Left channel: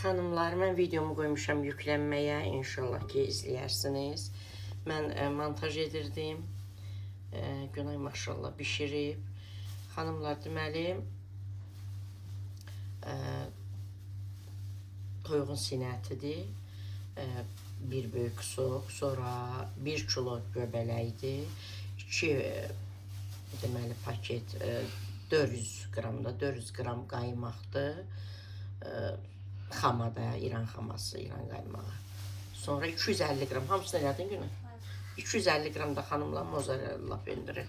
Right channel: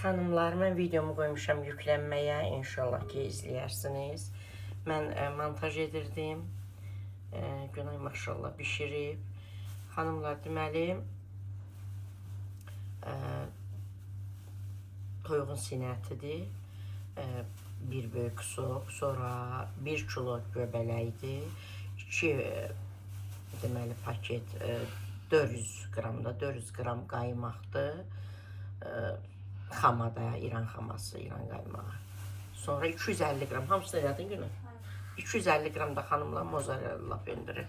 Xanımlar, mən videomu qoymuşam yüklənməyə. İnşallah ki, izləyərsiniz. Mən montaj edirdim. Günay maşallah bişirib. Xanımlar, deməli, toyuğun sinətidir. Bir böyük soq, sonra 1 kilo göbələkdir. 2 deməli paket 400 qramda 400 qram qaymaqdır. Xamada, İran xaması, İran qaymağı. Sonra 250 qram, hamısını elədin günü? 250 qram da xanımla mozzarella pendiri.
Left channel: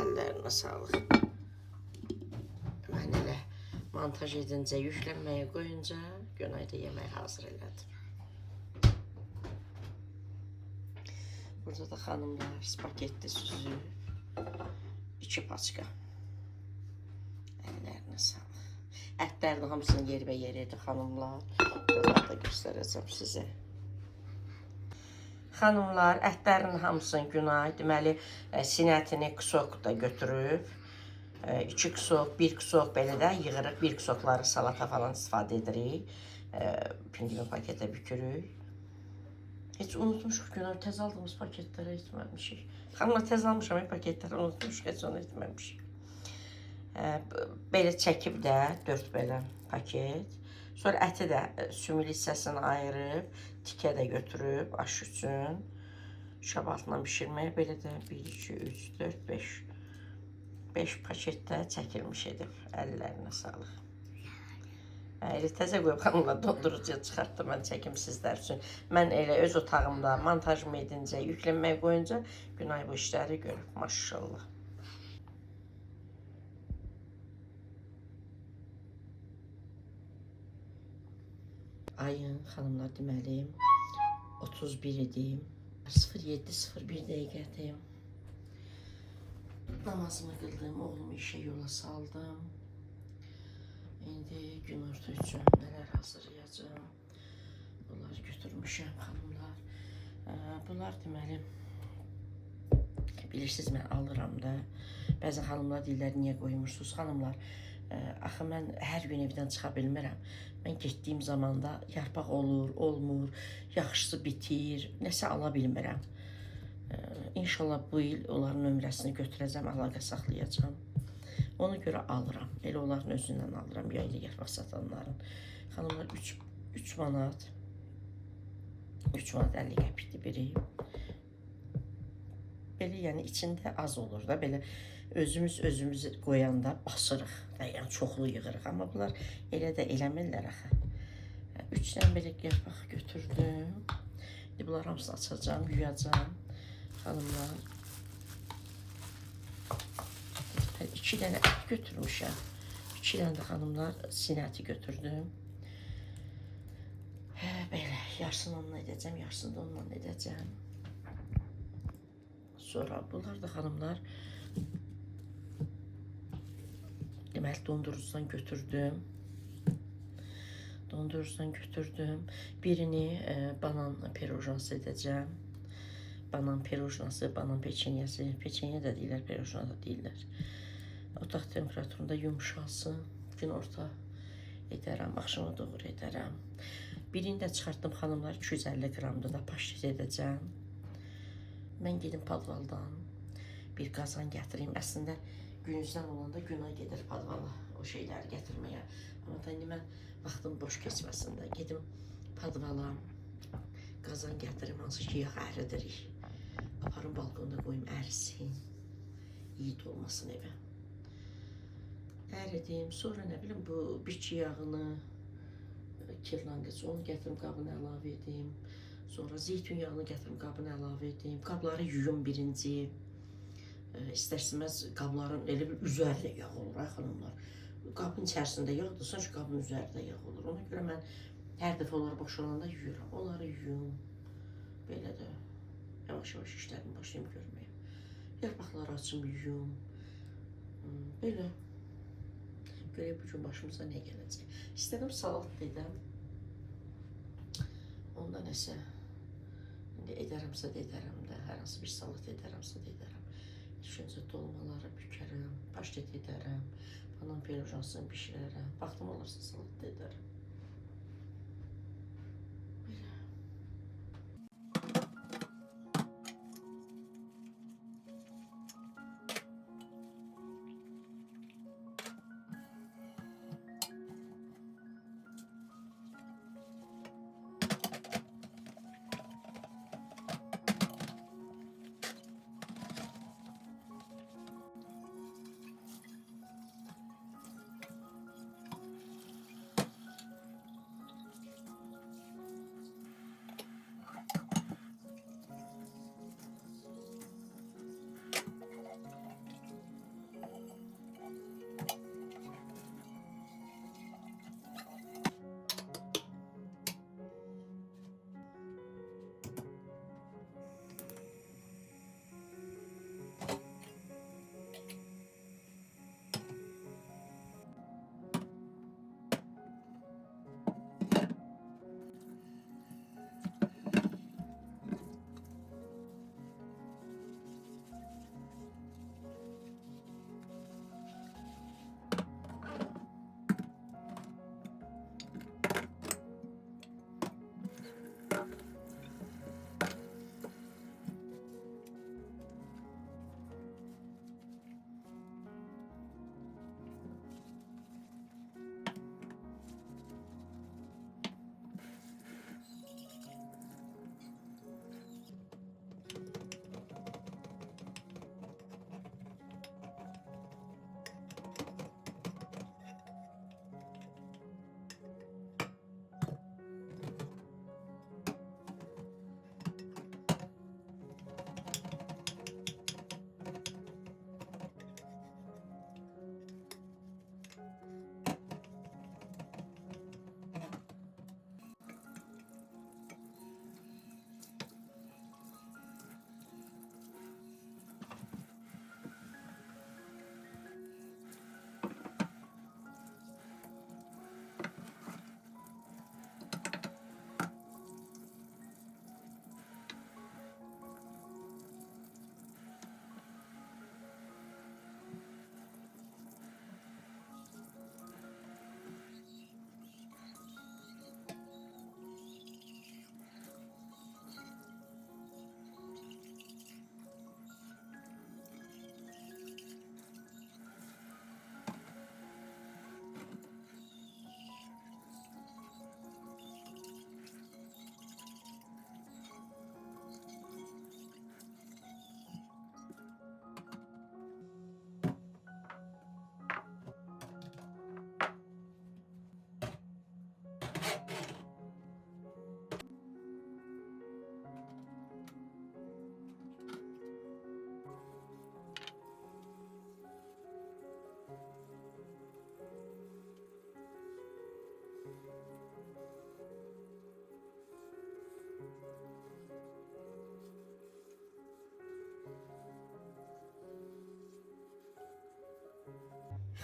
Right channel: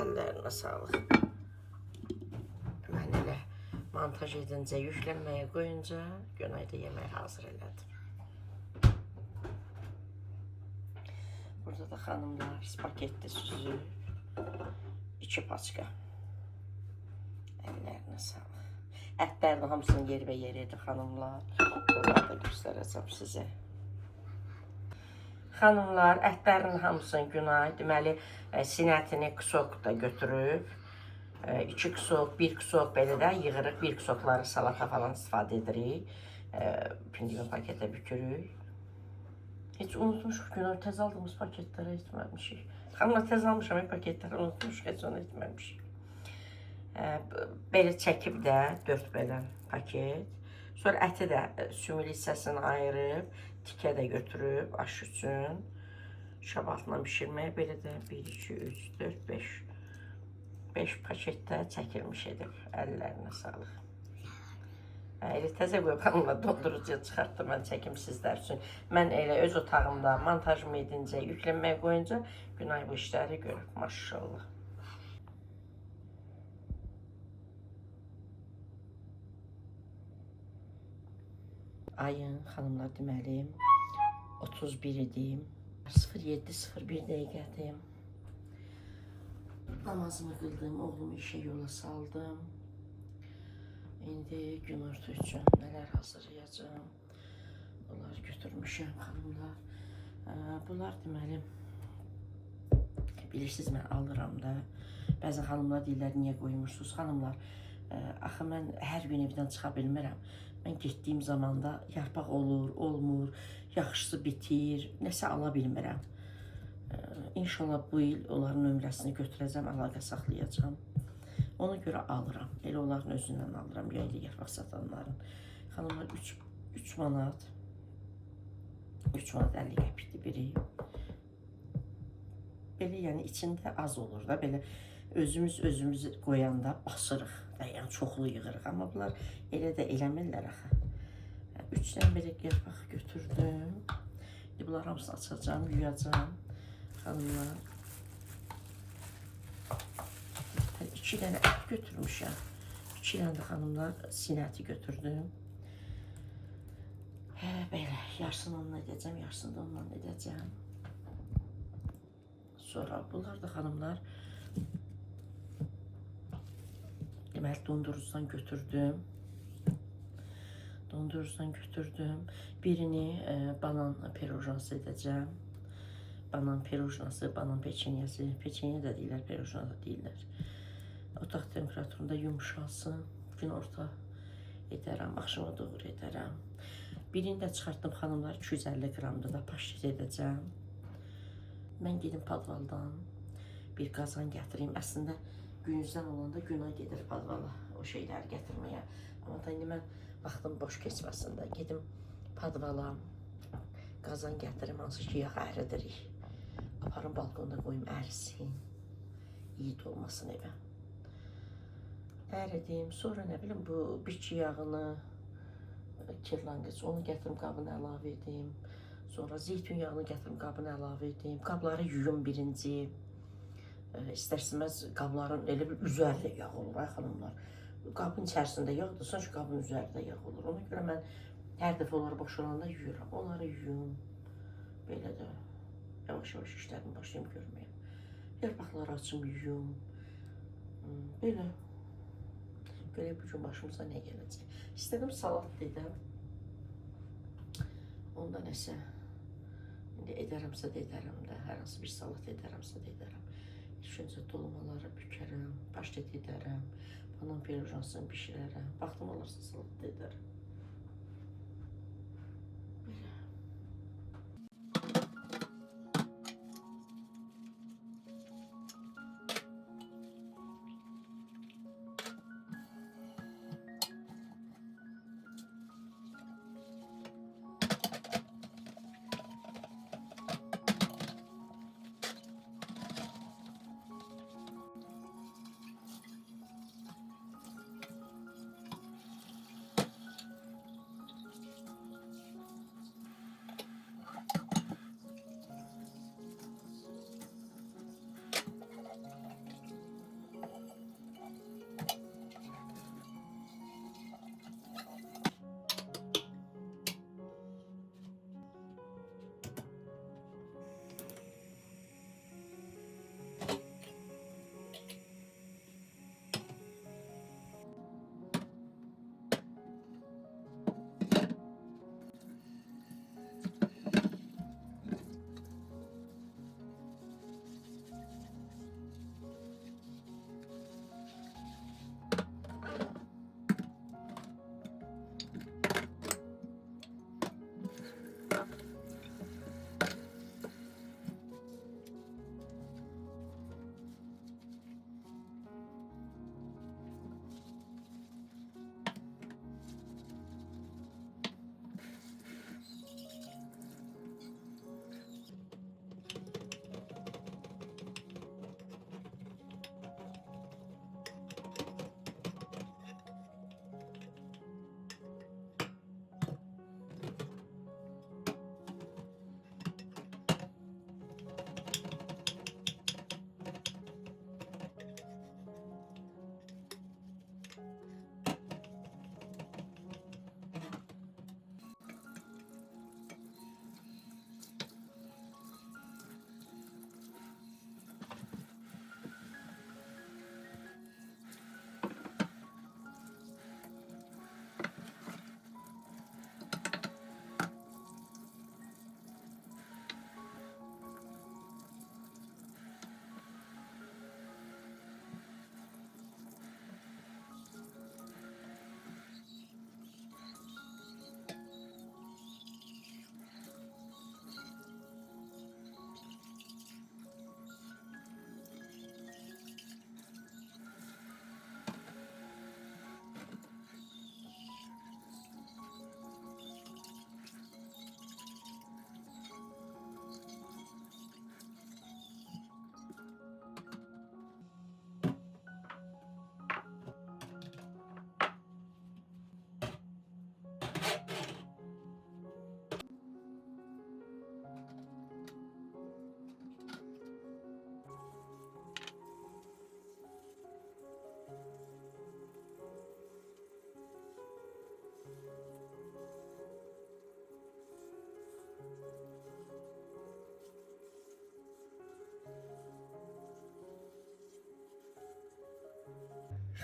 Əllərinə sağlıq. Mən elə montaj edincə, yüklənməyə qoyunca Günayda yemək hazır elədim. Burada da xanımlar spagetli süzü, 2 paçka. Əllərinə sağlıq. Ətlər də hamısının yerə yeridir xanımlar. Bunları da göstərəcəm sizə. Xanımlar, ətlərin hamısını Günay, deməli, sinətini kusok da götürüb. 2 kusok, 1 kusok belə də yığırıq. 1 kusokları salata falan istifadə edirik. Pindimin paketə bükürük. Heç unutmuşuq Günay, tez aldığımız paketləri etməmişik. Xanımlar, tez almışam paketləri unutmuşuq, heç onu etməmişik. Belə çəkib də 4 belə paket. Sonra əti də sümülü hissəsini ayırıb, tikə də götürüb aş üçün. Şab altına bişirməyə belə də 1, 2, 3, 4, 5. 5 paketdə çəkilmiş edib. Əllərinə sağlıq. Elə təzə qoyub xanımlar dondurucuya çıxartdım, mən çəkim sizlər üçün. Mən elə öz otağımda montajımı edincə, yüklənməyə qoyunca Günay bu işləri görüb, maşallah. Ayın xanımlar deməli 31 idim. 07:01 dəqiqədir. Namazımı qıldım, oğlumu işə yola saldım. İndi günorta üçün nələr hazırlayacağım. Bunları götürmüşəm xanımlar. Bunlar deməli bilirsiniz, mən alıram da. Bəzi xanımlar deyirlər, niyə qoymursunuz? Xanımlar, axı mən hər gün evdən çıxa bilmirəm. Mən getdiyim zamanda yarpaq olur, olmur, yaxşısı bitir, nəsə ala bilmirəm. İnşallah bu il onların nömrəsini götürəcəm, əlaqə saxlayacağım. Ona görə alıram. Elə onların özündən alıram, yaylı yarpaq satanların. Xanımlar 3 manat, 3 manat 50 qəpikdir biri. Belə yəni içində az olur da, belə özümüz qoyanda basırıq. Yəni çoxlu yığırıq, amma bunlar elə də eləmirlər axı. 3 dənə belə yarpaq götürdüm. İndi bunları hamısını açacağım, yuyacağım. Xanımlar. 2 dənə ət götürmüşəm. 2 dənə də xanımlar sinəti götürdüm. Belə, yarısını onunla edəcəm, yarısını da onunla edəcəm. Sonra bunlar da xanımlar deməli dondurucudan götürdüm. Birini banan pirojnası edəcəm. Banan pirojnası, banan peçenyası. Peçenya da deyirlər, pirojna da deyirlər. Otaq temperaturunda yumuşalsın. Günorta edərəm, axşama doğru edərəm. Birini də çıxartdım xanımlar, 250 qramda da paşet edəcəm. Mən gedim padvaldan bir qazan gətireyim. Əslində günüzdən olanda Günay gedir padvala o şeyləri gətirməyə. Amma da indi mən vaxtım boş keçməsin də gedim padvala qazan gətirim, hansı ki yağ əridirik. Aparım balkonda qoyum ərisin. İyi dolmasın evə. Əridim. Sonra nə bilim bu biçi yağını, kirlanqıc onu gətirim qabına əlavə edim. Sonra zeytun yağını gətirim qabına əlavə edim. Qabları yuyum birinci. İstərsiniz qabların elə bir üzərində yağ olur, ay xanımlar. Qabın içərisində yağdır, sanki qabın üzərində yağ olur. Ona görə mən hər dəfə onları boşalanda yuyuram. Onları yuyum. Belə də yavaş-yavaş işlərimi başlayım görməyə. Yarpaqları açım, yuyum. Belə. Görə bugün başımıza nə gələcək. İstədim salat edəm. Onda nəsə indi edərəmsə də edərəm də. Hər hansı bir salat edərəmsə də edərəm. İlk öncə dolmaları bükərəm, paştet edərəm, banan pirojnasını bişirərəm. Vaxtım olursa salat da edərəm.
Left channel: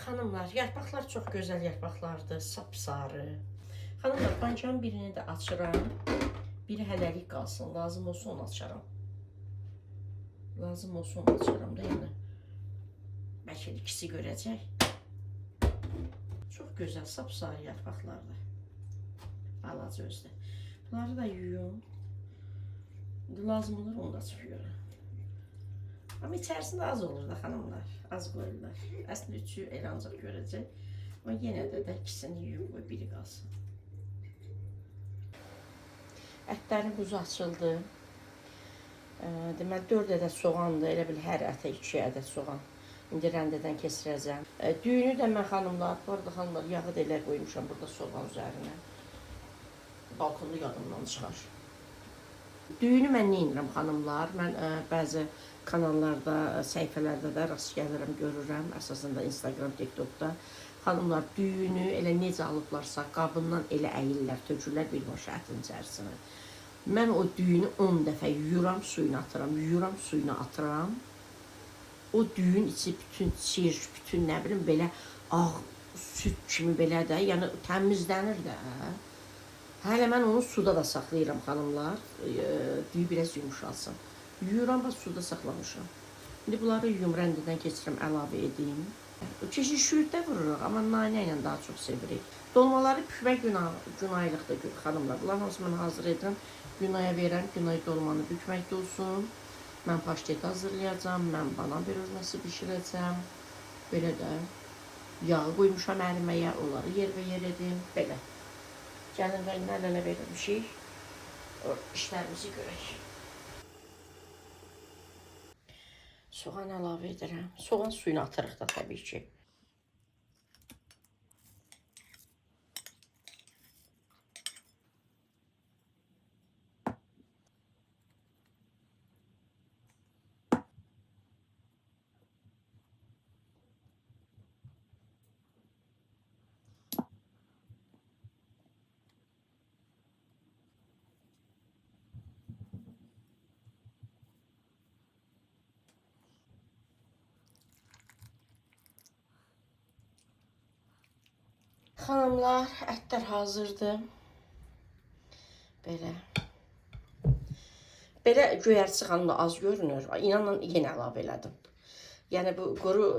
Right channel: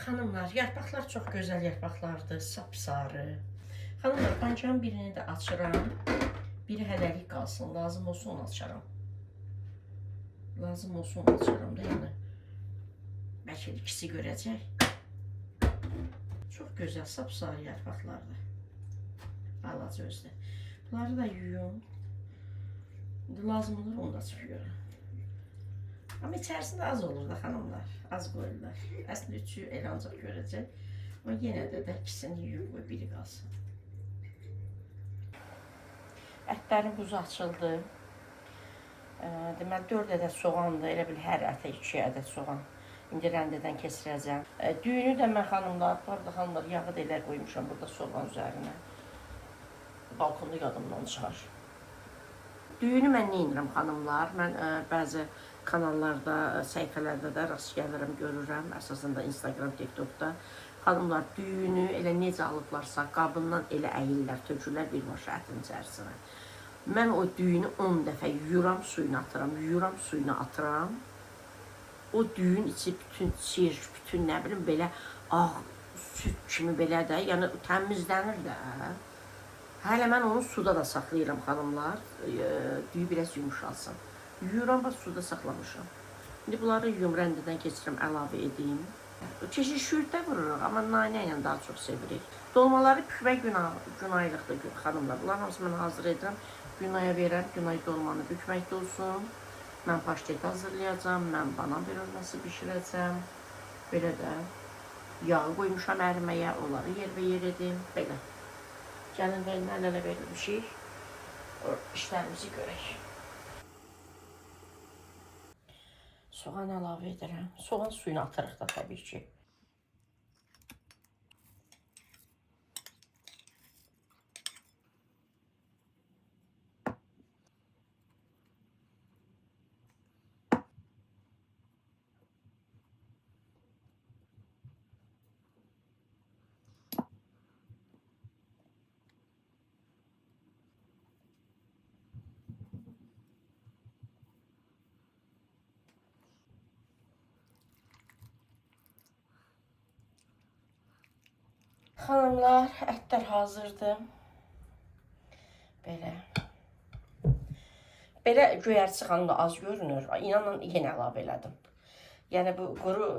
Xanımlar, yarpaqlar çox gözəl yarpaqlardır, sapsarı. Xanımlar, pançanın birini də açıram. Biri hələlik qalsın, lazım olsa onu açaram. Lazım olsa onu açaram da, yəni. Bəlkə ikisi görəcək. Çox gözəl, sapsarı yarpaqlardır. Balaca özdə. Bunları da yuyum. Lazım olur, onu da çıxıyorum. Amma içərisində az olur da xanımlar, az qoyurlar. Əslində üçü elə ancaq görəcək. Amma yenə də ikisini yuyub qoy, biri qalsın. Ətlərin buzu açıldı. Deməli 4 ədəd soğandır, elə bil hər ətə 2 ədəd soğan. İndi rəndədən keçirəcəm. Düyünü də mən xanımlar, bu arada xanımlar yağı da elə qoymuşam burada soğan üzərinə. Balkonda yadımdan çıxar. Düyünü mən nə edirəm xanımlar? Mən bəzi kanallarda, səhifələrdə də rast gəlirəm, görürəm. Əsasında Instagram, TikTokda. Xanımlar düyünü elə necə alıblarsa qabından elə əyirlər, tökürlər bir maşa ətin içərisinə. Mən o düyünü 10 dəfə yuyuram, suyunu atıram, yuyuram, suyunu atıram. O düyün içi bütün çir, bütün nə bilim belə ağ süt kimi belə də, yəni təmizlənir də. Hələ mən onu suda da saxlayıram xanımlar, düyü biraz yumuşalsın. Yuyuram və suda saxlamışım. İndi bunları yuyum, rəndədən keçirəm, əlavə edeyim. Keşik şüyüddə vururuq, amma nanə ilə daha çox sevirik. Dolmaları bükmək günaylıqdır xanımlar. Bunların hamısını mən hazır edirəm. Günaya verəm, günay dolmanı bükməkdə olsun. Mən paştet hazırlayacağım, mən banan pirojnası bişirəcəm. Belə də yağı qoymuşam əriməyə, onları yer edim, belə. Gəlin rəngdən ələ verilmişik, o işlərimizi görək. Soğan əlavə edirəm. Soğan suyunu atırıq da təbii ki. Xanımlar, ətlər hazırdır. Belə. Belə göyərçi xanımda az görünür. İnanın, yenə əlavə elədim. Yəni, bu quru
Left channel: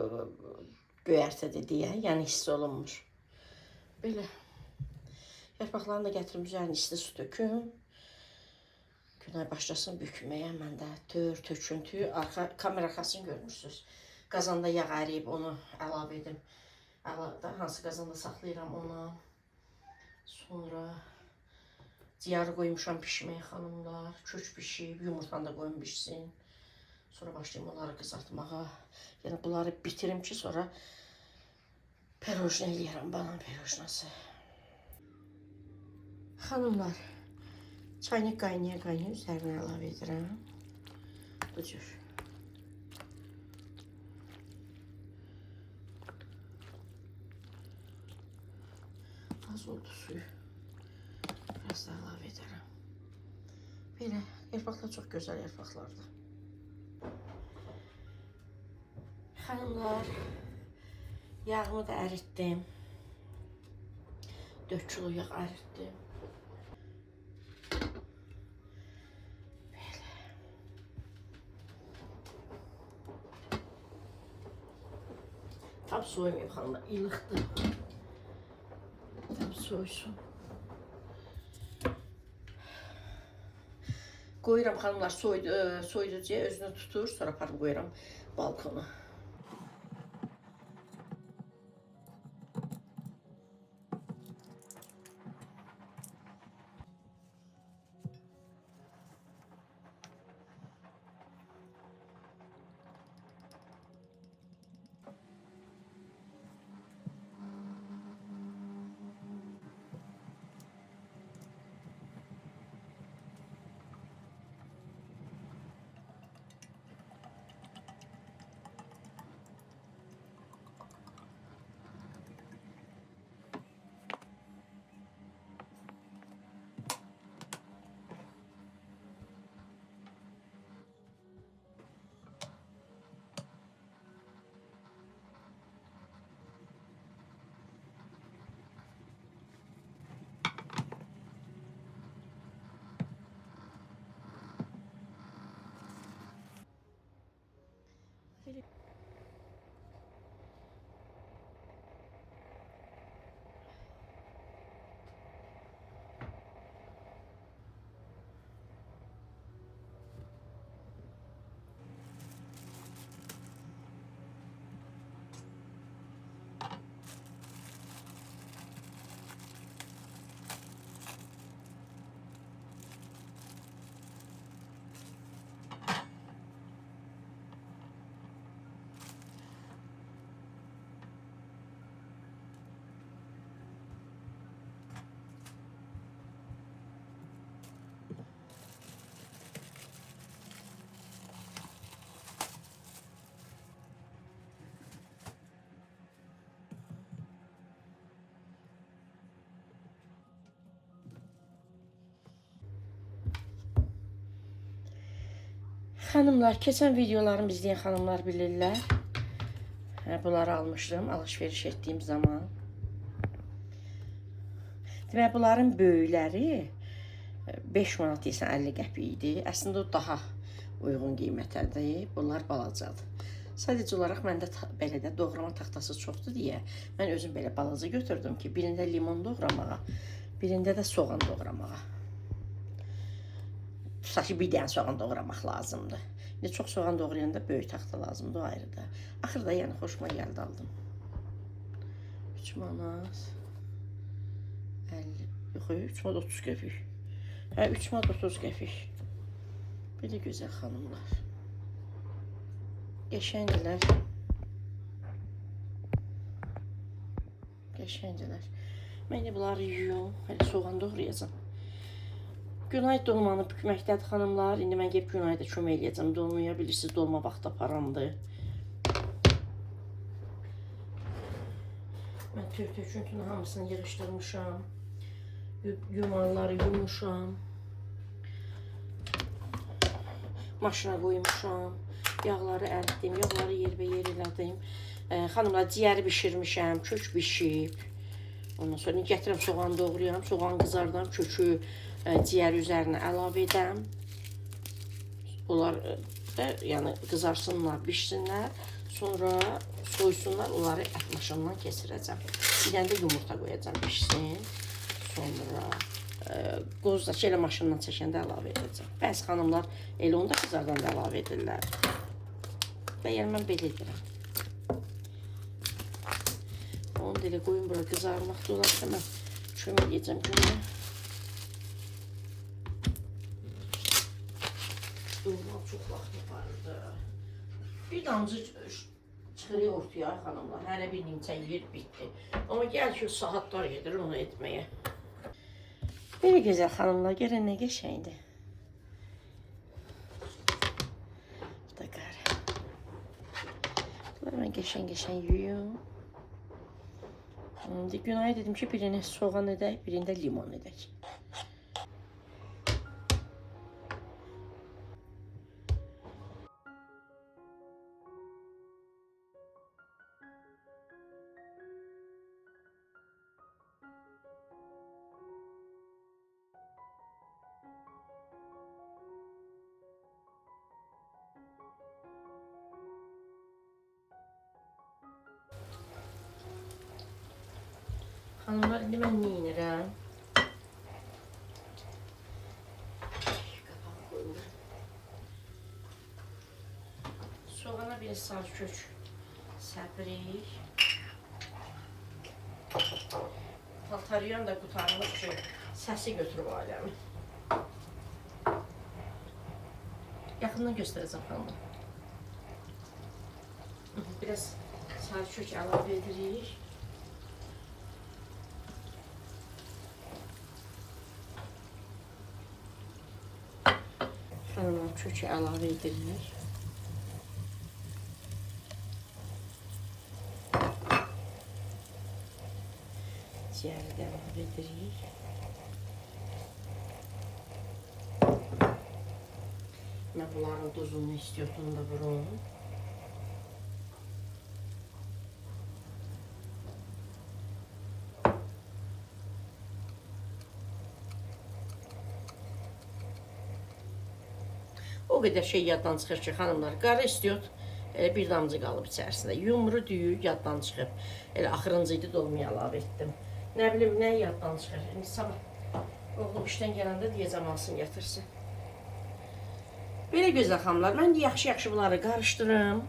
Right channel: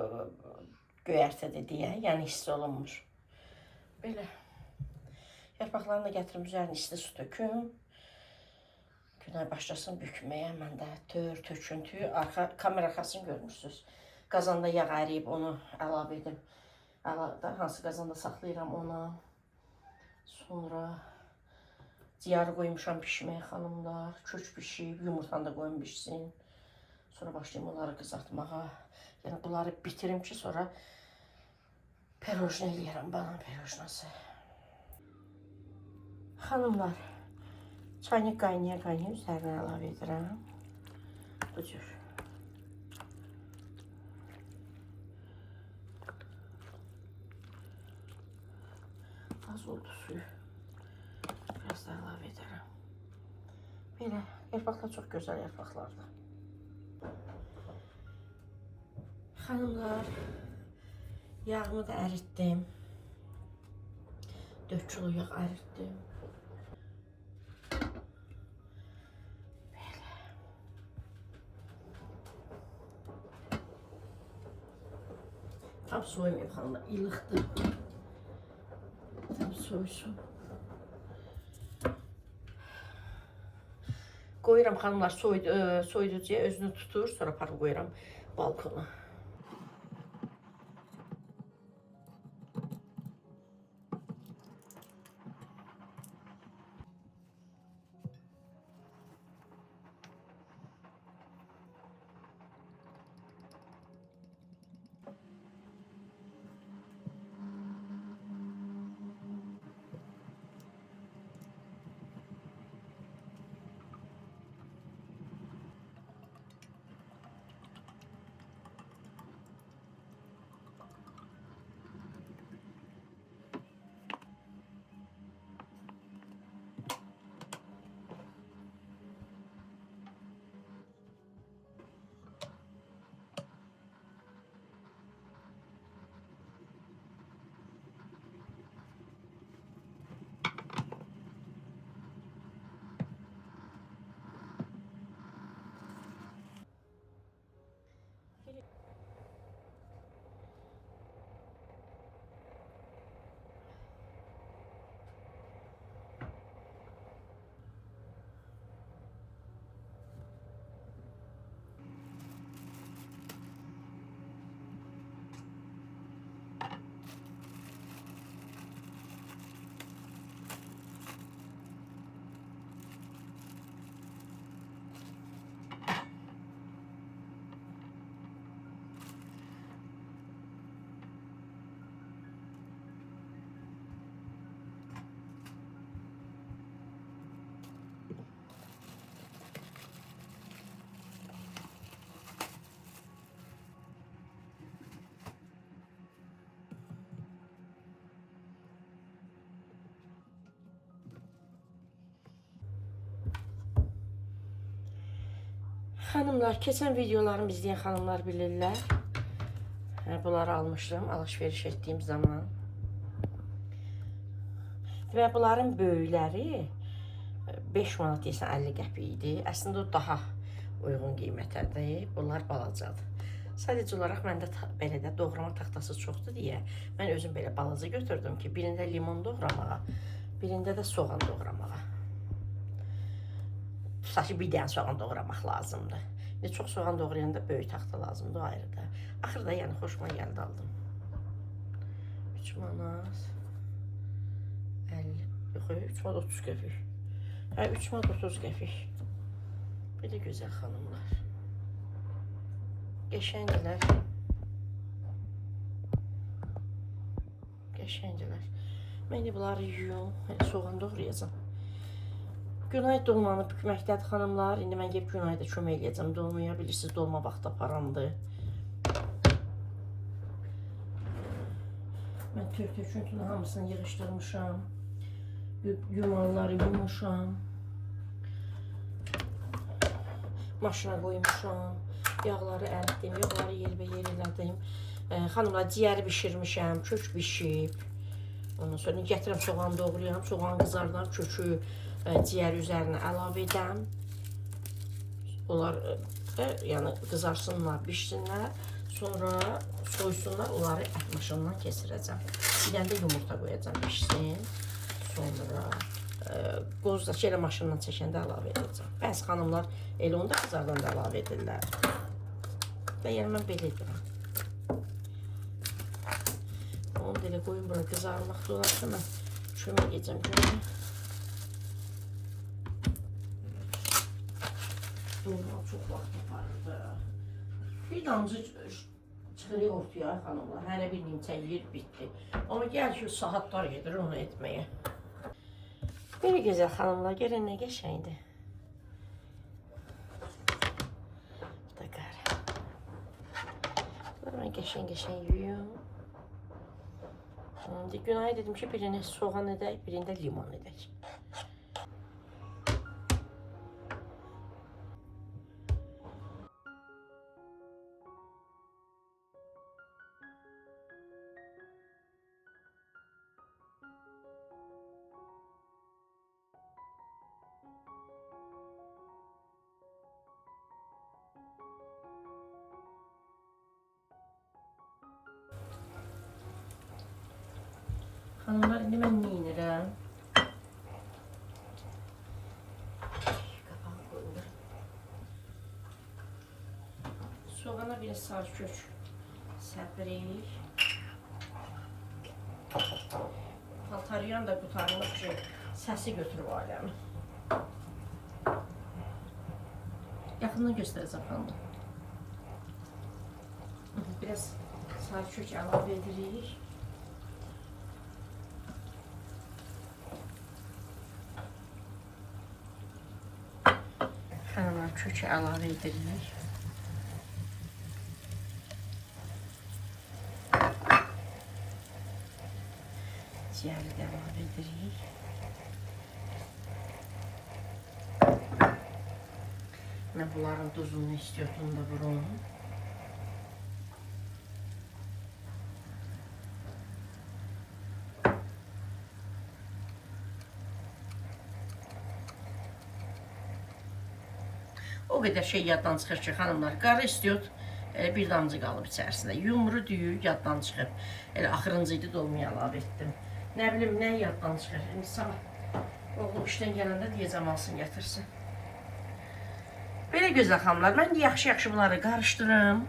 göyərtədir deyə, yəni hiss olunmur. Belə. Yarpaqlarını da gətirim, üzərini isti su töküm. Günay başlasın bükməyə, mən də töküntü, kamera arxasını görmürsünüz. Qazanda yağ əriyib, onu əlavə edim. Hansı qazanda saxlayıram ona. Sonra ciyarı qoymuşam pişməyə xanımlar. Kök pişib, yumurtanı da qoyum pişsin. Sonra başlayayım onları qızartmağa. Yəni bunları bitirim ki, sonra pirojna eləyərəm, banan pirojnası. Xanımlar, çayını qaynaya-qaynaya üzərinə əlavə edirəm. Bu cür. Az oldu suyu. Biraz da əlavə edərəm. Belə, yarpaqlar çox gözəl yarpaqlardır. Xanımlar, yağımı da əritdim. 4 kilo yağ əritdim. Belə. Tam soymayayım xanımlar, ilıqdır. Tam soysun. Qoyuram xanımlar, soyuducuya özünü tutur, sonra aparıb qoyuram balkona. Xanımlar, keçən videolarımı izləyən xanımlar bilirlər. Bunları almışdım alışveriş etdiyim zaman. Demək, bunların böyükləri 5 manat deyilsən 50 qəpik idi. Əslində o daha uyğun qiymətədir. Bunlar balacadır. Sadəcə olaraq məndə belə də doğrama taxtası çoxdur deyə mən özüm belə balaca götürdüm ki, birində limon doğramağa, birində də soğan doğramağa. Tutaq ki, bir dənə soğan doğramaq lazımdır. İndi çox soğan doğrayanda böyük taxta lazımdır, o ayrıda. Axırda yəni xoşuma gəldi, aldım. 3 manat 50, yox, 3 manat 30 qəpik. Hə, 3 manat 30 qəpik. Bir də gözəl xanımlar. Qəşəngdilər. Qəşəngdilər. Mən indi bunları yuyum, soğan doğrayacağım. Günay dolmanı bükməkdədir xanımlar. İndi mən gəlib Günayda kömək eləyəcəm. Dolmaya bilirsiniz, dolma vaxtı aparamdır. Mən tök-töküntünün hamısını yığışdırmışam. Yumaları yumuşam. Maşına qoymuşam. Yağları əritdim, yağları yerbəyer elədim. Xanımlar, ciyəri bişirmişəm, kök bişib. Ondan sonra gətirəm soğan doğrayam, soğan qızardan, kökü ciyəri üzərinə əlavə edəm. Onlar da yəni qızarsınlar, bişsinlər. Sonra soysunlar, onları ət maşından keçirəcəm. Bir dənə də yumurta qoyacam, bişsin. Sonra qoz da elə maşından çəkəndə əlavə edəcəm. Bəzi xanımlar elə onu da qızardan da əlavə edirlər. Və yəni mən belə edirəm. Onu da elə qoyun bura qızarmaqda olarsa mən kömək edəcəm görəm. Normal çox vaxt yaparırdı. Bir damcı çıxırıq ortaya xanımlar. Hərə bir nimçə yeyir, bitdi. Amma gəl ki, saatlar gedir onu etməyə. Belə gözəl xanımlar, görən nə qəşəngdir. Bu da qara. Bunları mən qəşəng yuyum. Günay dedim ki, birinə soğan edək, birində limon edək. Xanımlar, indi mən nə edirəm? Qapağı qoyulur. Soğana bir sarı kök səpirik. Paltarıyan da qutarmış ki, səsi götürüb aləmi. Yaxından göstərəcəm xanımlar. Biraz sarı kök əlavə edirik. Xanımlar, kökü əlavə edirik. Ciyəri də əlavə edirik. Mən bunların duzunu istiyordum da vurum. O qədər şey yaddan çıxır ki, xanımlar, qara istiyot bir damcı qalıb içərisində. Yumru düyü yaddan çıxıb. Elə axırıncı idi, dolmaya əlavə etdim. Nə bilim, nə yaddan çıxır. İndi sabah oğlum işdən gələndə deyəcəm, alsın, gətirsin. Belə gözəl xanımlar, mən yaxşı-yaxşı bunları qarışdırım.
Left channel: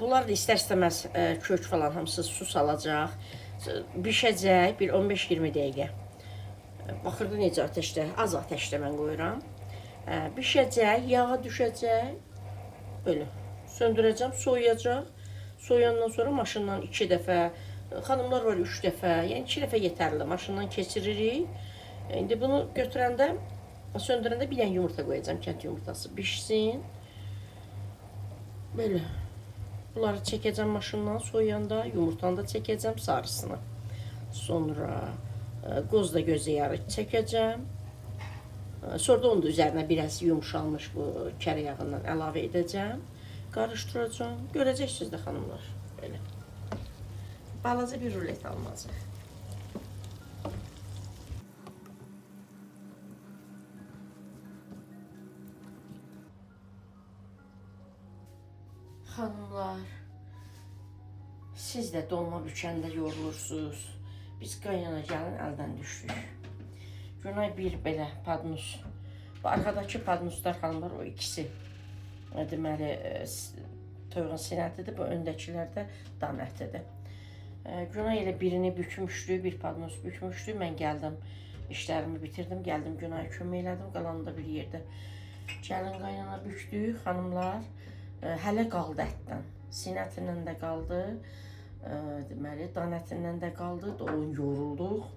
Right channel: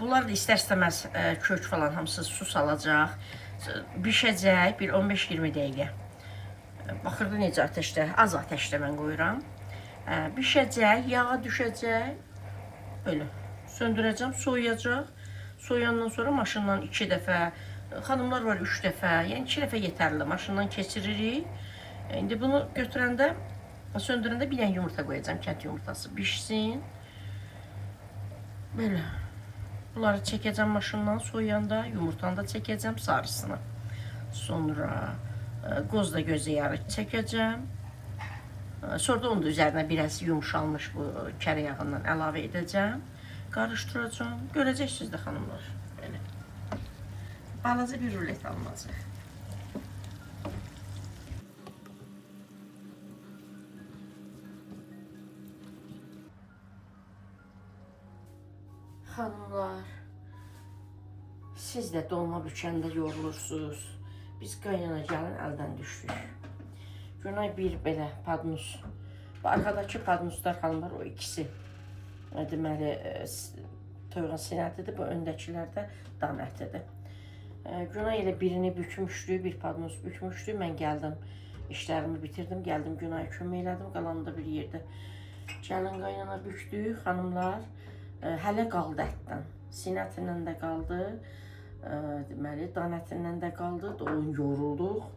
Bunlar da istər-istəməz kök falan hamısı su salacaq. Bişəcək bir 15-20 dəqiqə. Baxırda necə ateşdə, az ateşdə mən qoyuram. Bişəcək, yağa düşəcək. Böyle söndürəcəm, soyuyacaq. Soyandan sonra maşından 2 dəfə, xanımlar var 3 dəfə, yəni 2 dəfə yetərli. Maşından keçiririk. İndi bunu götürəndə, söndürəndə bir dənə yumurta qoyacağım, kənd yumurtası bişsin. Böyle. Bunları çəkəcəm maşından, soyanda yumurtanı da çəkəcəm sarısını. Sonra qoz da gözə yarı çəkəcəm. Sonra da onun da üzərinə biraz yumşalmış bu kərə yağından əlavə edəcəm. Qarışdıracağım. Görəcəksiniz də xanımlar. Belə. Balaca bir rulet almazıq. Xanımlar, siz də dolma bükəndə yorulursunuz. Biz qaynana gəlin əldən düşdük. Günay bir belə padnus. Bu arkadakı padnuslar xanımlar o ikisi. Deməli, toyuğun sinətidir, bu öndəkilər də dam ətidir. Günay elə birini bükmüşdü, bir padnus bükmüşdü. Mən gəldim, işlərimi bitirdim, gəldim Günay'a kömək elədim, qalanı da bir yerdə. Gəlin qaynana bükdük, xanımlar. Hələ qaldı ətdən. Sinətindən də qaldı. Deməli, dan ətindən də qaldı. Onu yorulduq.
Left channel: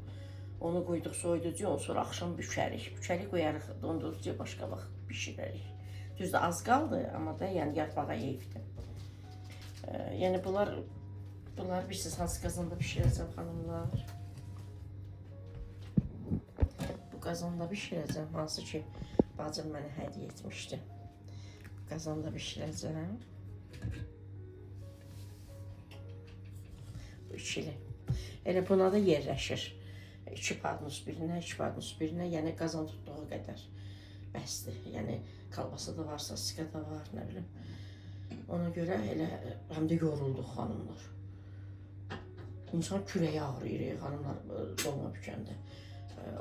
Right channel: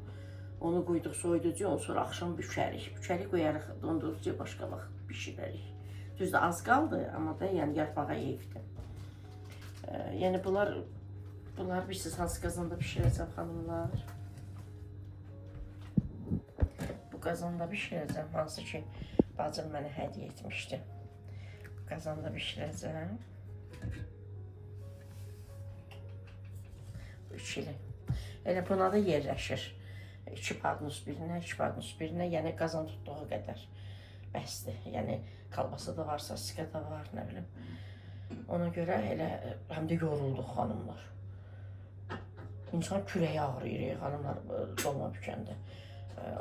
Onu qoyduq soyuducuya, ondan sonra axşam bükərik. Bükərik, qoyarıq dondurucuya, başqa vaxt bişirərik. Düzdür, az qaldı, amma da yəni yarpağa yeyibdir. Yəni bunlar bilirsiniz, hansı qazanda bişirəcəm xanımlar? Bu qazanda bişirəcəm, hansı ki bacım mənə hədiyyə etmişdi. Bu qazanda bişirəcəm. Bu ikili. Elə buna da yerləşir. 2 padnus birinə, 2 padnus birinə, yəni qazan tutduğu qədər bəsdir. Yəni kalbasa da varsa, siqa da var, nə bilim. Ona görə elə həm də yorulduq xanımlar. İnsan kürəyi ağrıyır xanımlar dolma bükəndə.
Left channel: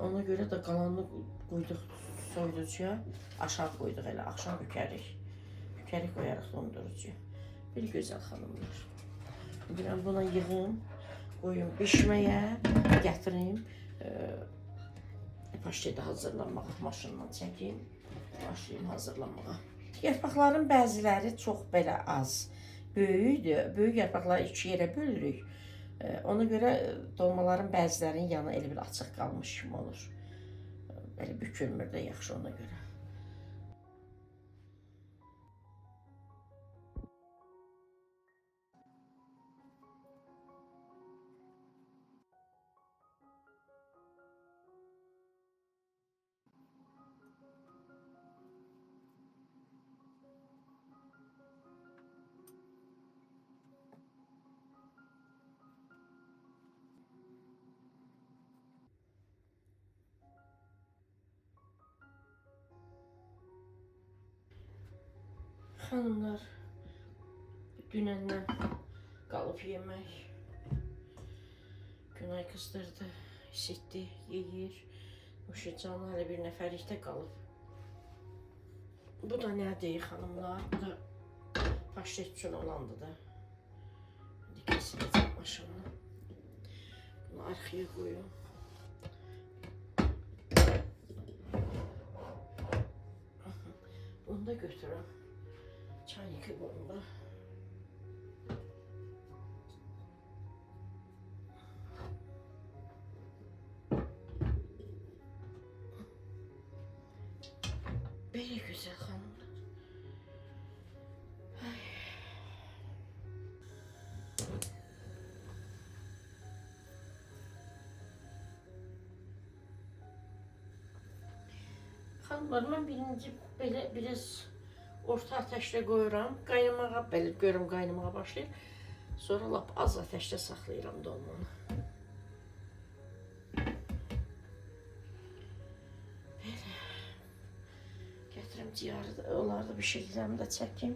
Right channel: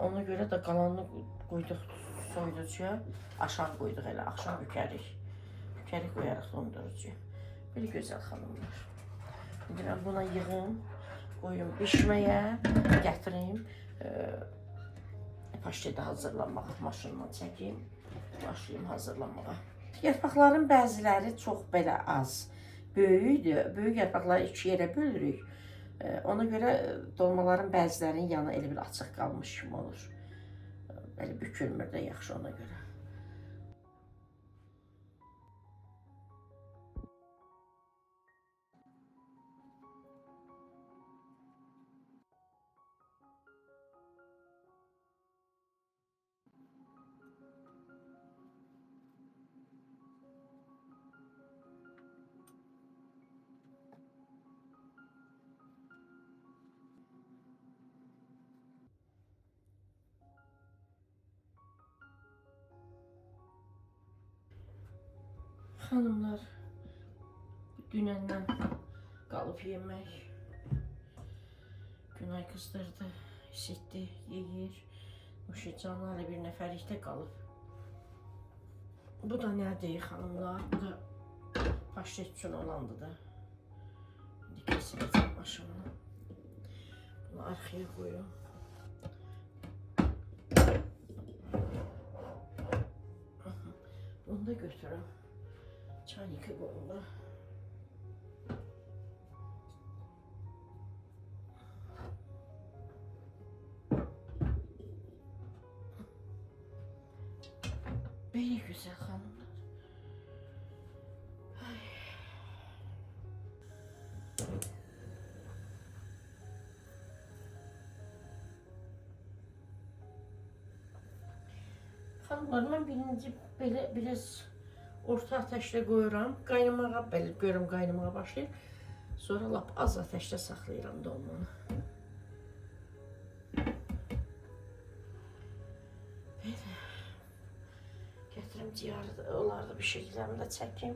Ona görə də qalanını qoyduq soyuducuya, aşağı qoyduq elə, axşam bükərik. Bükərik, qoyarıq dondurucuya. Bir gözəl xanımlar. Bilirəm, buna yığım, qoyum bişməyə, gətirim. Paştede hazırlanmağa, maşınla çəkim, başlayayım hazırlanmağa. Yarpaqların bəziləri çox belə az, böyükdür. Böyük yarpaqları 2 yerə bölürük. Ona görə dolmaların bəzilərinin yanı elə bir açıq qalmış kimi olur. Belə bükülmür də yaxşı ona görə. Hanımlar, dünəndən qalıb yemək. Günay qızdırdı, isitdi, yeyir. Nuşicanlı hələ bir nəfərlikdə qalıb. Bu da nədir xanımlar? Bu da paştet üçün olandı da. İndi kesiləcəm maşınla. Bunu arxaya qoyum. Bunu da götürəm. Çaynikə qoyumda. Belə gözəl xanımlar. Xanımlar, mən birinci belə biraz orta ateşdə qoyuram. Qaynamağa belə görüm qaynamağa başlayır. Sonra lap az ateşdə saxlayıram dolmanı. Belə. Gətirim ciyarı da, onları da bir şəkillərimi də çəkim.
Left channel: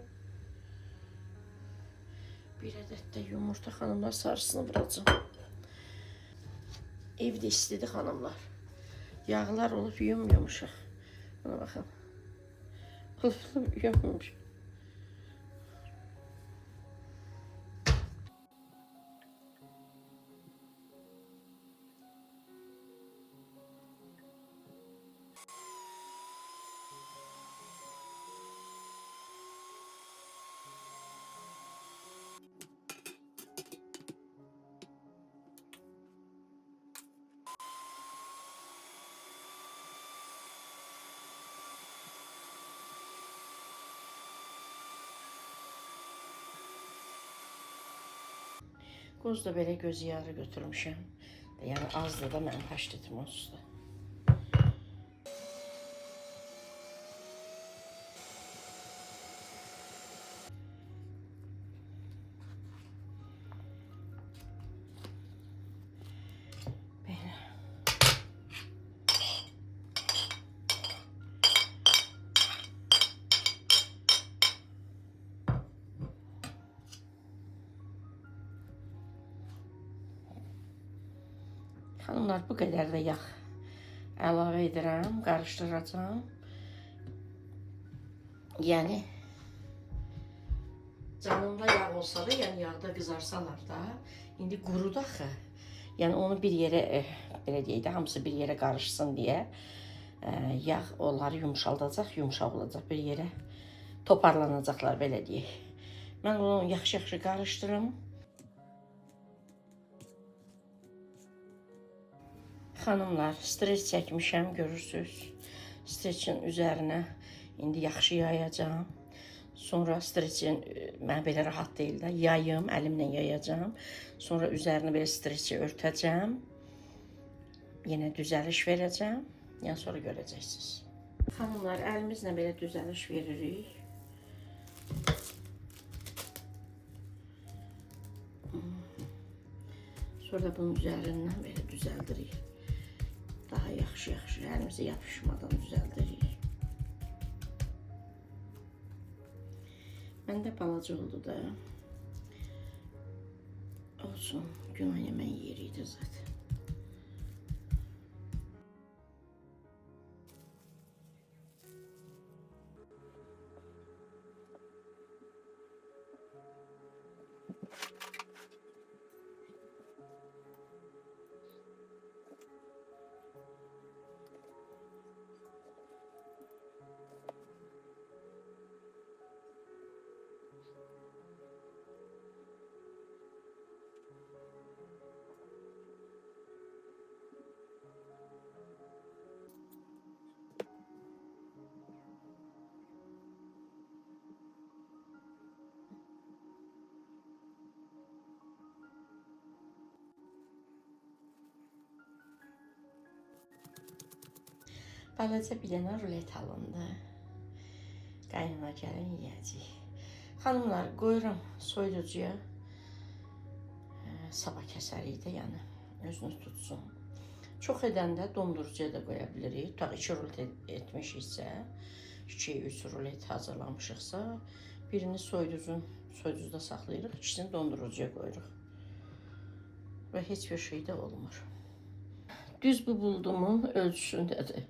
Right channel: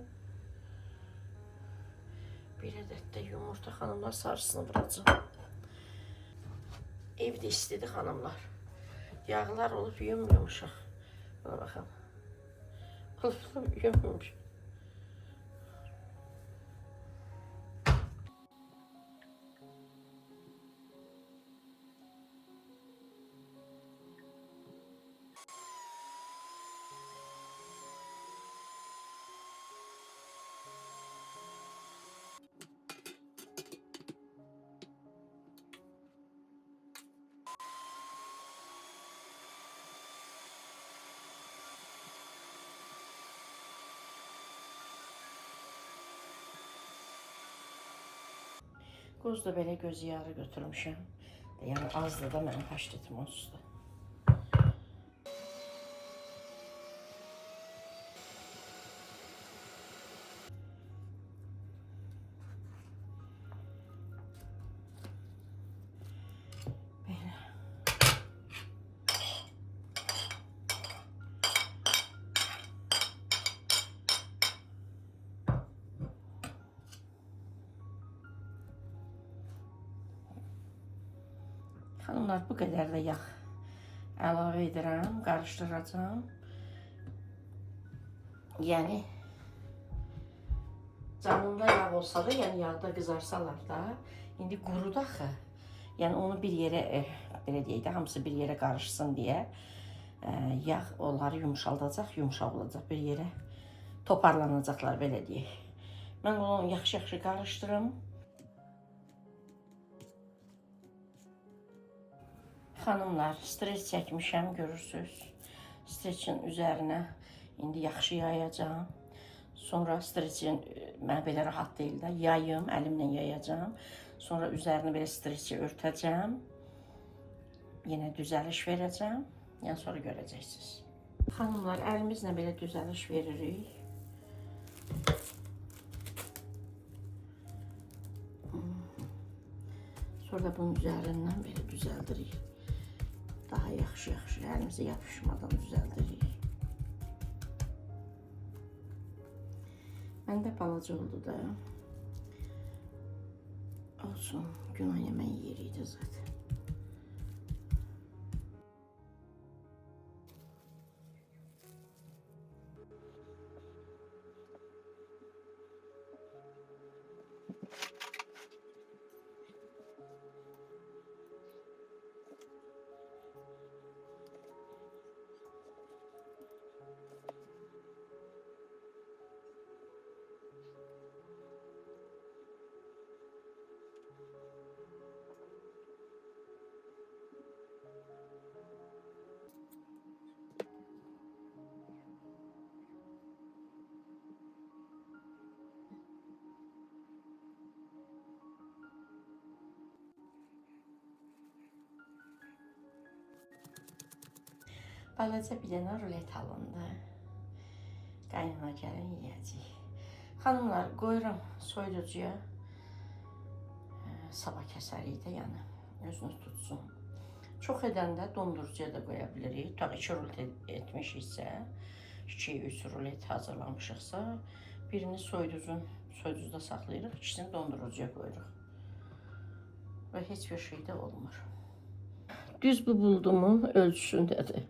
Bir ədəd də yumurta xanımlar sarısını vuracam. Evdə istidir xanımlar. Yağlar olub yumuşaq. Buna baxın. Yummuş. Qoz da belə göz yağı götürmüşəm. Yəni azdır da mənim paştetim olsun. Xanımlar, bu qədər də yağ əlavə edirəm, qarışdıracağım. Yəni canında yağ olsa da, yəni yağda qızarsalar da, indi qurudu axı. Yəni onu bir yerə, belə deyək də, hamısı bir yerə qarışsın deyə yağ onları yumşaldacaq, yumşaq olacaq, bir yerə toparlanacaqlar, belə deyək. Mən onu yaxşı-yaxşı qarışdırım. Xanımlar, streç çəkmişəm, görürsünüz. Streçin üzərinə indi yaxşı yayacağım. Sonra streçin, mən belə rahat deyil də, yayım, əlimlə yayacağım. Sonra üzərini belə streçi örtəcəm. Yenə düzəliş verəcəm. Yəni sonra görəcəksiniz. Xanımlar, əlimizlə belə düzəliş veririk. Sonra bunun üzərindən belə düzəldirik. Daha yaxşı-yaxşı, əlimizə yapışmadan düzəldirik. Məndə balaca oldu da. Olsun, günah yemək yeri idi zaten. Balaca bir dənə rulet alındı. Qaynana gəlin yeyəcək. Xanımlar, qoyuram soyuducuya. Sabah kəsərik də, yəni özünü tutsun. Çox edəndə dondurucuya da qoya bilirik. Tabii 2 rulet etmişiksə, 2-3 rulet hazırlamışıqsa, birini soyuducuda saxlayırıq, ikisini dondurucuya qoyuruq. Və heç bir şey də olmur. Düz bu buldumun ölçüsündədir.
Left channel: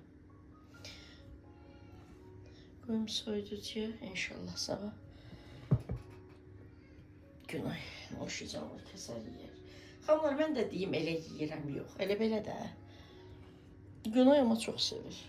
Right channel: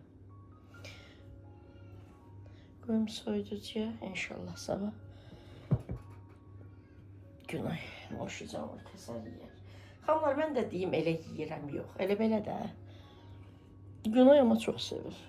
Qoyum soyuducuya, inşallah sabah günay hoşuca olur, kəsər yeyər. Xanımlar, mən də deyim, elə yeyirəm, yox, elə belə də. Günay ama çox sevir.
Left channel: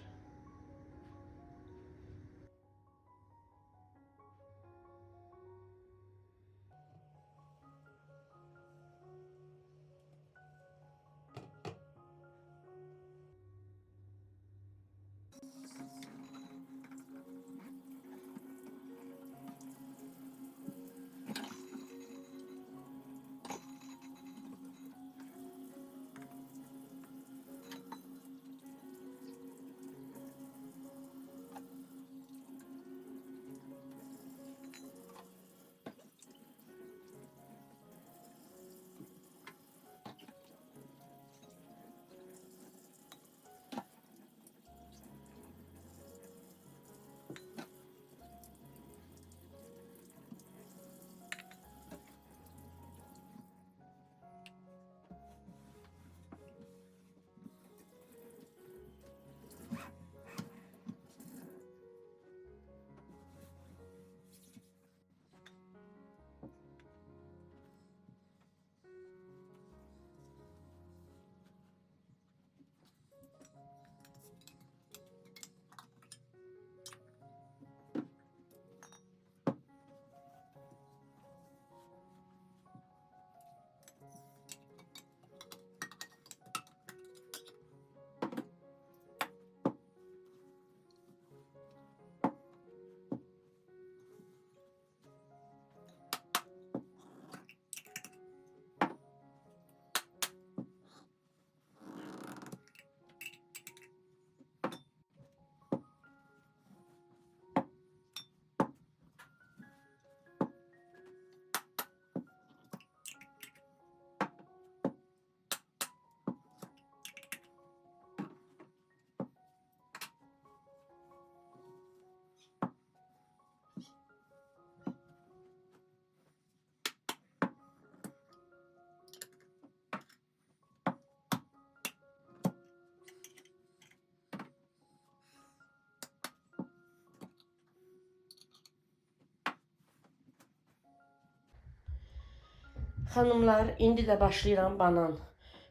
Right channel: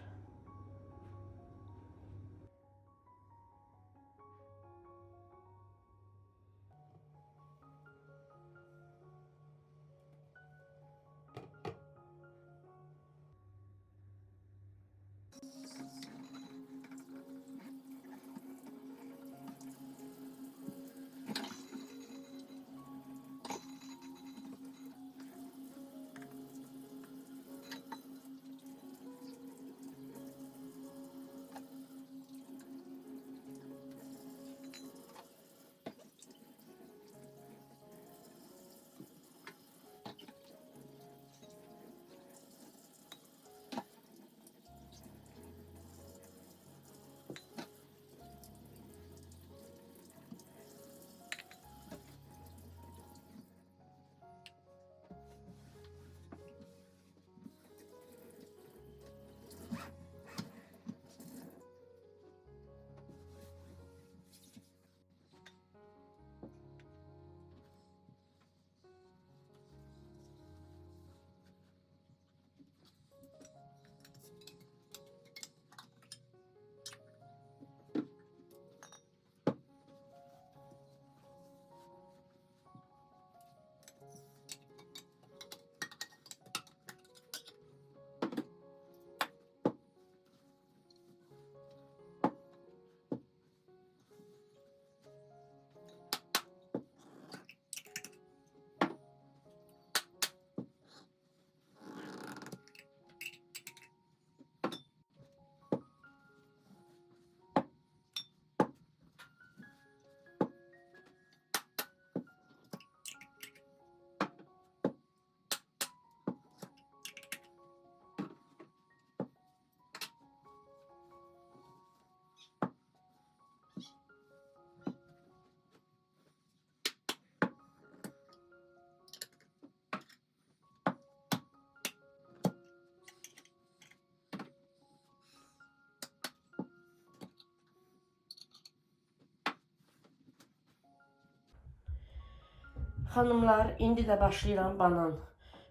Xanımlar, indi də başlayıram banan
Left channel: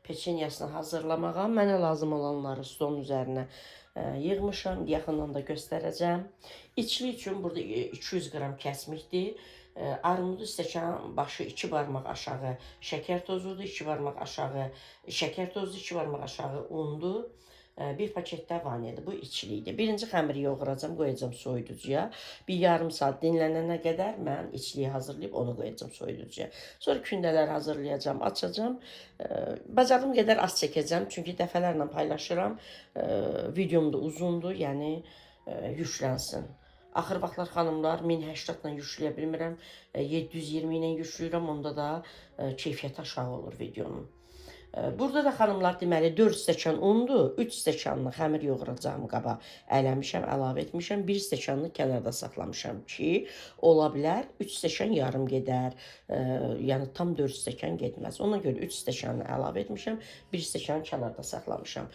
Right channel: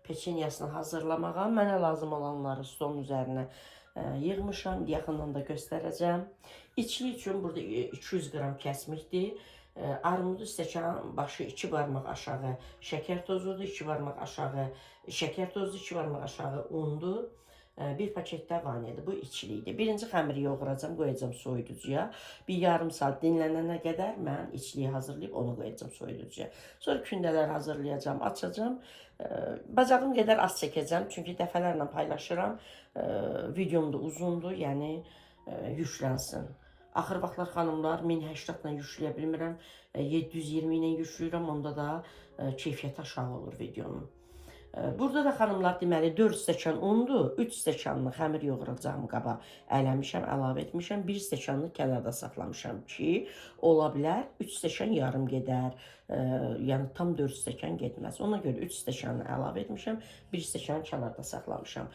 peçenyasını hazırlamağa. Mənə lazım olanları stolun üzərinə yığmışam. Yaxından da göstərəcəm. İçli üçün burada 200 qram kəsmikdir. Armudu stəkan başı 2 barmaq aşağı şəkər tozudur, 2 barmaq aşağı şəkər tozu, 2 barmaq aşağı undur. Bir paket də vanilyadır. Bu içlikdir. Birinci xəmiri yoğuracam, qoyacam soyuducuya. Bir yarım saat dinlənənə qədər mən içliyi hazırlayıb onu qoyacam soyuducuya. Sonra kündələr hazırlayacam, açacam. Bacardığım qədər az çəkəcəm, çünki dəfələrlə paylaşıram. Videom da uzundur, yəni yüklənsin. Axır vaxtlar xanımlar 1080 ilə yükləyə bilmirəm. 720 ilə yükləyirəm, onda da keyfiyyəti aşağı olur videonun. Burada da xanımlar deməli 4 stəkan undur, 3 stəkanlı xəmir yoğuracağım qaba ələmişəm, əlavə etmişəm. 1 stəkanlı kənarda saxlamışam ki, ola bilər 3 stəkan yarım gedər, yəni tam 4 stəkan getməz. Ona görə 3 stəkanı əlavə etmişəm, 1 stəkanı kənarda saxlamışam.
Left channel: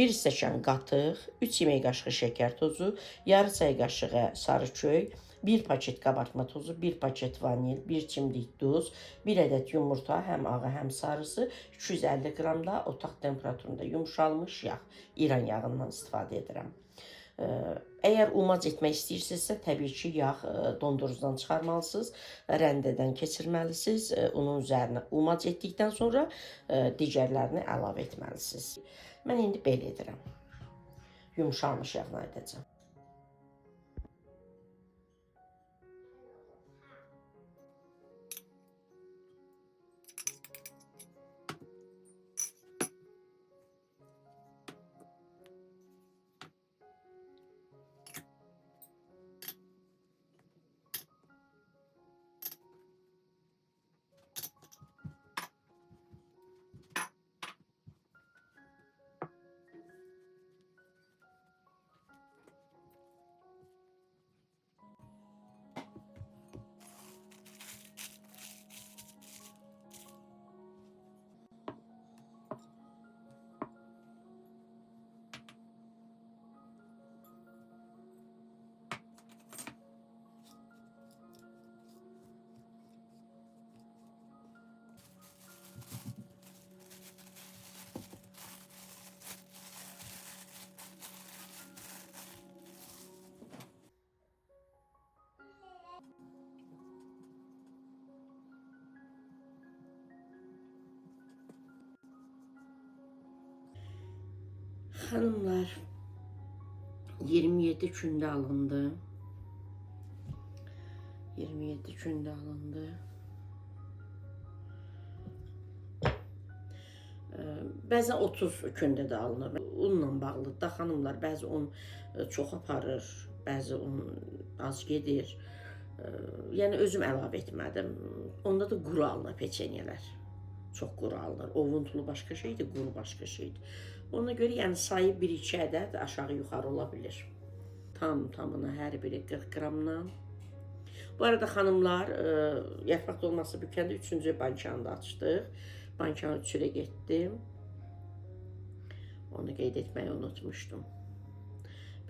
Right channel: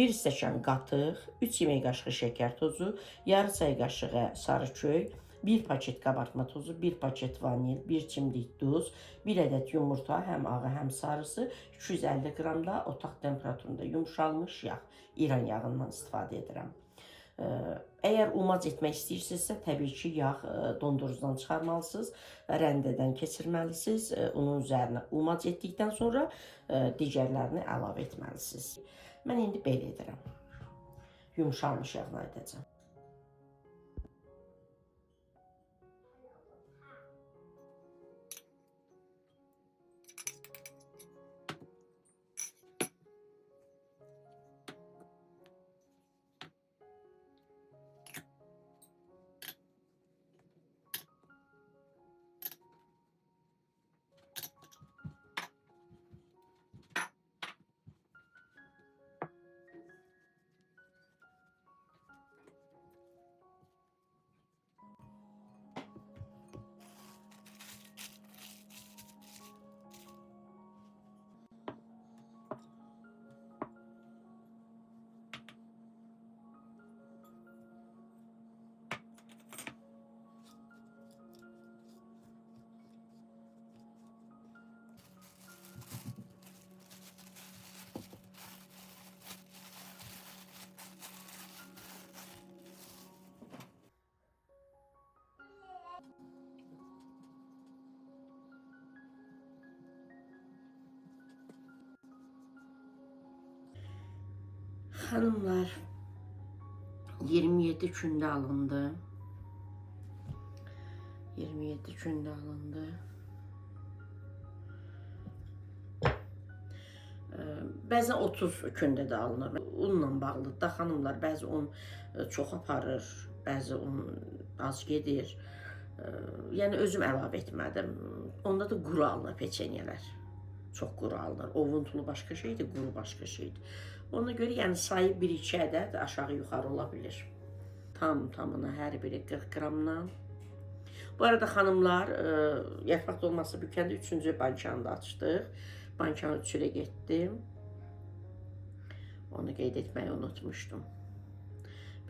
1 stəkan qatıq, 3 yemək qaşığı şəkər tozu, yarı çay qaşığı sarı kök, 1 paket qabartma tozu, 1 paket vanil, 1 çimdik duz, 1 ədəd yumurta, həm ağı, həm sarısı, 250 qram da otaq temperaturunda yumşalmış yağ, İran yağından istifadə edirəm. Əgər umac etmək istəyirsinizsə, təbii ki, yağ dondurucudan çıxarmalısınız, rəndədən keçirməlisiniz, onun üzərinə umac etdikdən sonra digərlərini əlavə etməlisiniz. Mən indi belə edirəm, yumşalmış yağla edəcəm. Xanımlar, 27 gündə alındı. 27 gündə alındı. Bəzən 30 gündə də alınır. Unla bağlıdır da xanımlar, bəzi un çox aparır, bəzi un az gedir. Yəni özüm əlavə etmədim. Onda da quru alınır peçenyelər. Çox quru alınır. Ovuntulu başqa şeydir, quru başqa şeydir. Ona görə yəni sayı 1-2 ədəd aşağı yuxarı ola bilir. Tamına hər biri 40 qramdan. Bu arada xanımlar, yarpaq dolması bükəndə 3-cü bankanı da açdıq. Bankanı üçülə getdim. Onu qeyd etməyi unutmuşdum.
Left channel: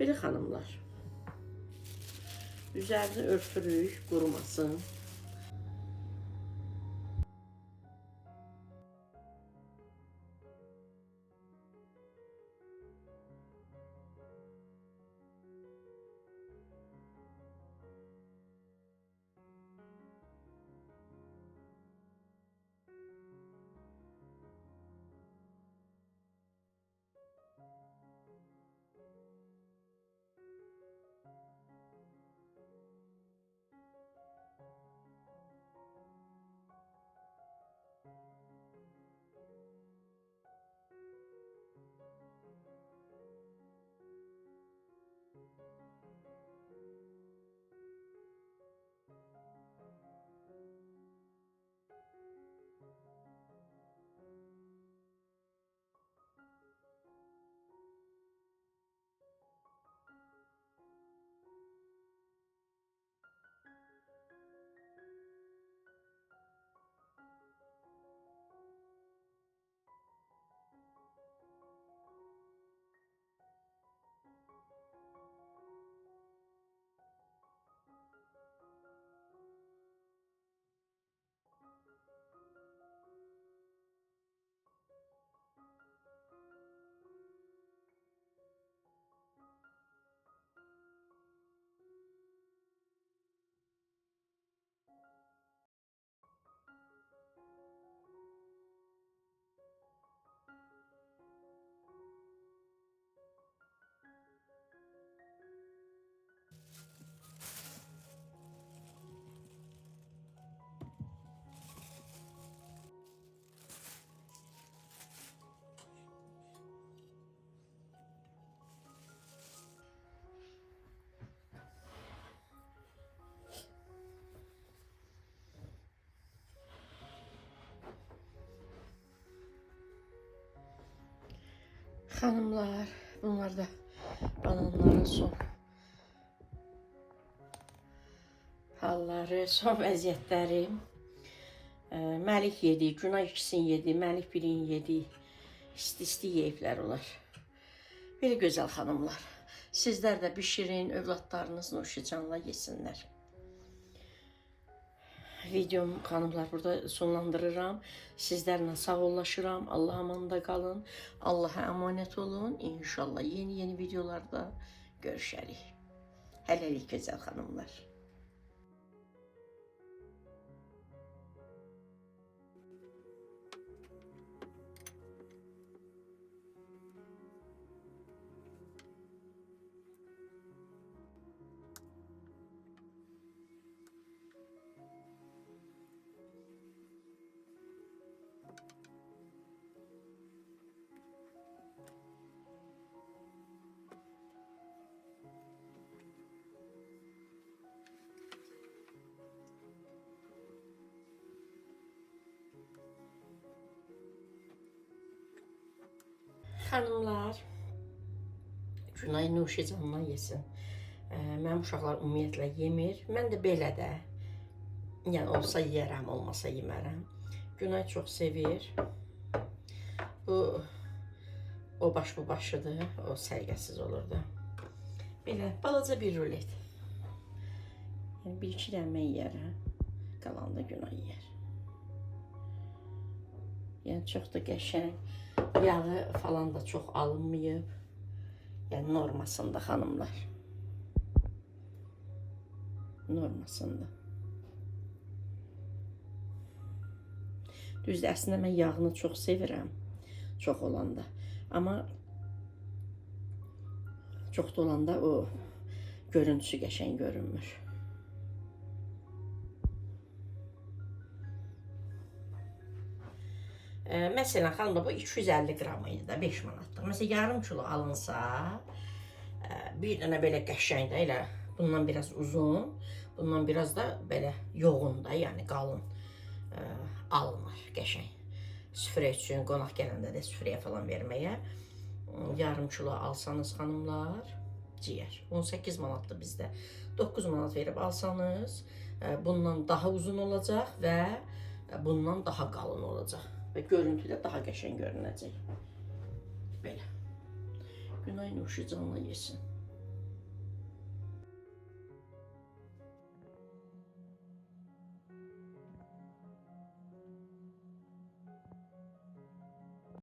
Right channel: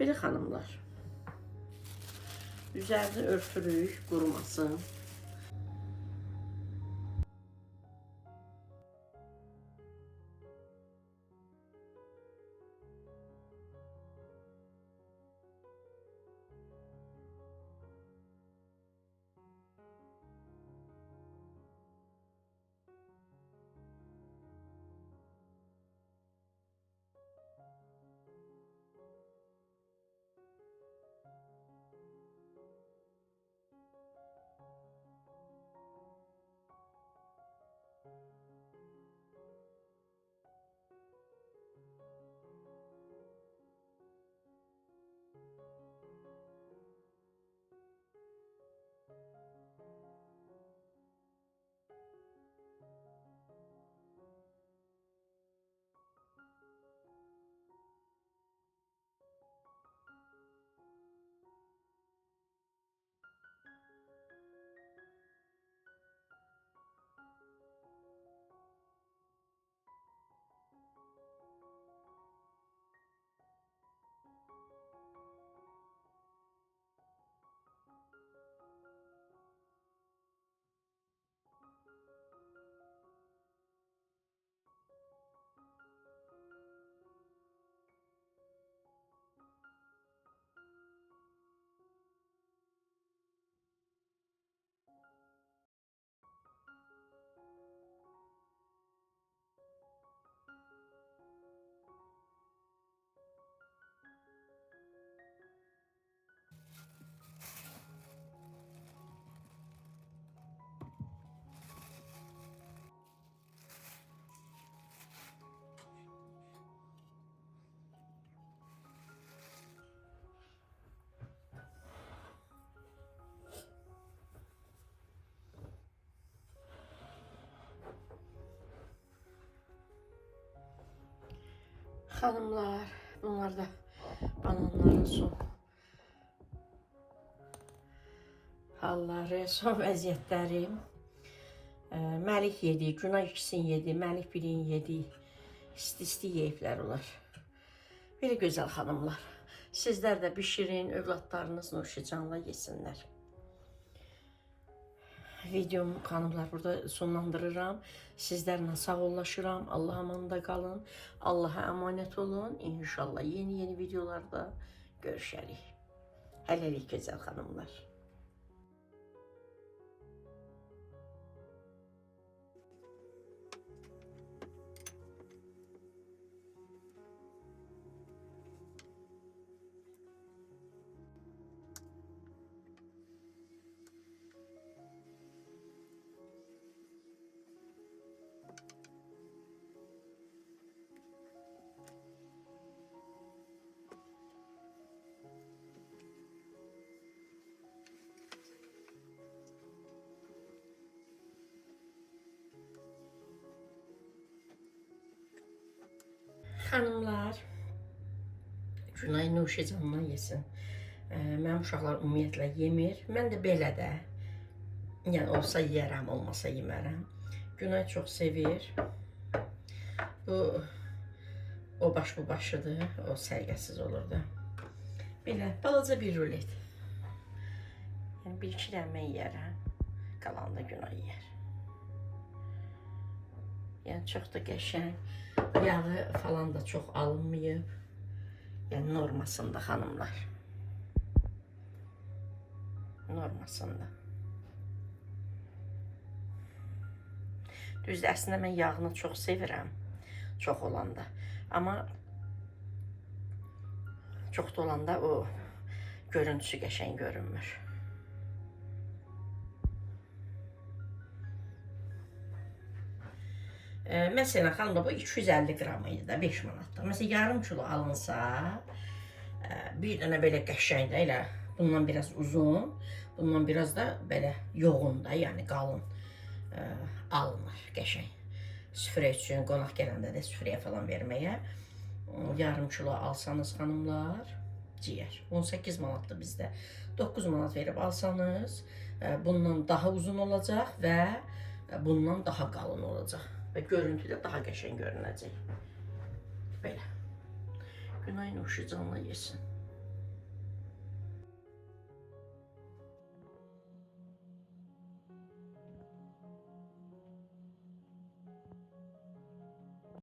Belə xanımlar. Üzərini örtürük, qurumasın. Xanımlar, bunlar da bananların son halları, son vəziyyətləri. Məlik yedi, Günay ikisini yedi, Məlik birini yedi. İsti-isti yeyiblər onlar. Belə gözəl xanımlar. Sizlər də bişirin, övladlarınız nuşicanla yesinlər. Videomu xanımlar burada sonlandırıram. Sizlərlə sağollaşıram. Allah'a amanında qalın. Allah'a əmanət olun. İnşallah yeni videolarda görüşərik. Hələlik gözəl xanımlar. Xanımlar, Günay nuşicandan yesin. Mənim uşaqlar ümumiyyətlə yemir. Mən də belə də. Yəni olsa yeyərəm, olmasa yemərəm. Günay çox sevir. Bu o baş bu başıdır. O səliqəsiz olur da. Belə balaca bir rulet. Yəni bir iki dənə mən yeyərəm. Qalan da Günay yeyər. Yəni çox da qəşəng. Yağı falan da çox alınmayıb. Yəni normasında xanımlar. Normasında. Düzdür, əslində mən yağını çox sevirəm. Çox olanda. Amma çox da olanda o görüntüsü qəşəng görünmür. Mesela xanımlar bu 250 qram idi da 5 manatda. Mesela yarım kilo alınsa bir dənə belə qəşəng də elə bundan biraz uzun, bundan biraz da belə yoğun da, yəni qalın alınır qəşəng. Süfrə üçün, qonaq gələndə də süfrəyə falan verməyə yarım kilo alsanız xanımlar ciyər. 18 manatdır bizdə. 9 manat verib alsanız bundan daha uzun olacaq və bundan daha qalın olacaq. Və görüntüdə daha qəşəng görünəcək. Belə. Günay nuşicanla yesin.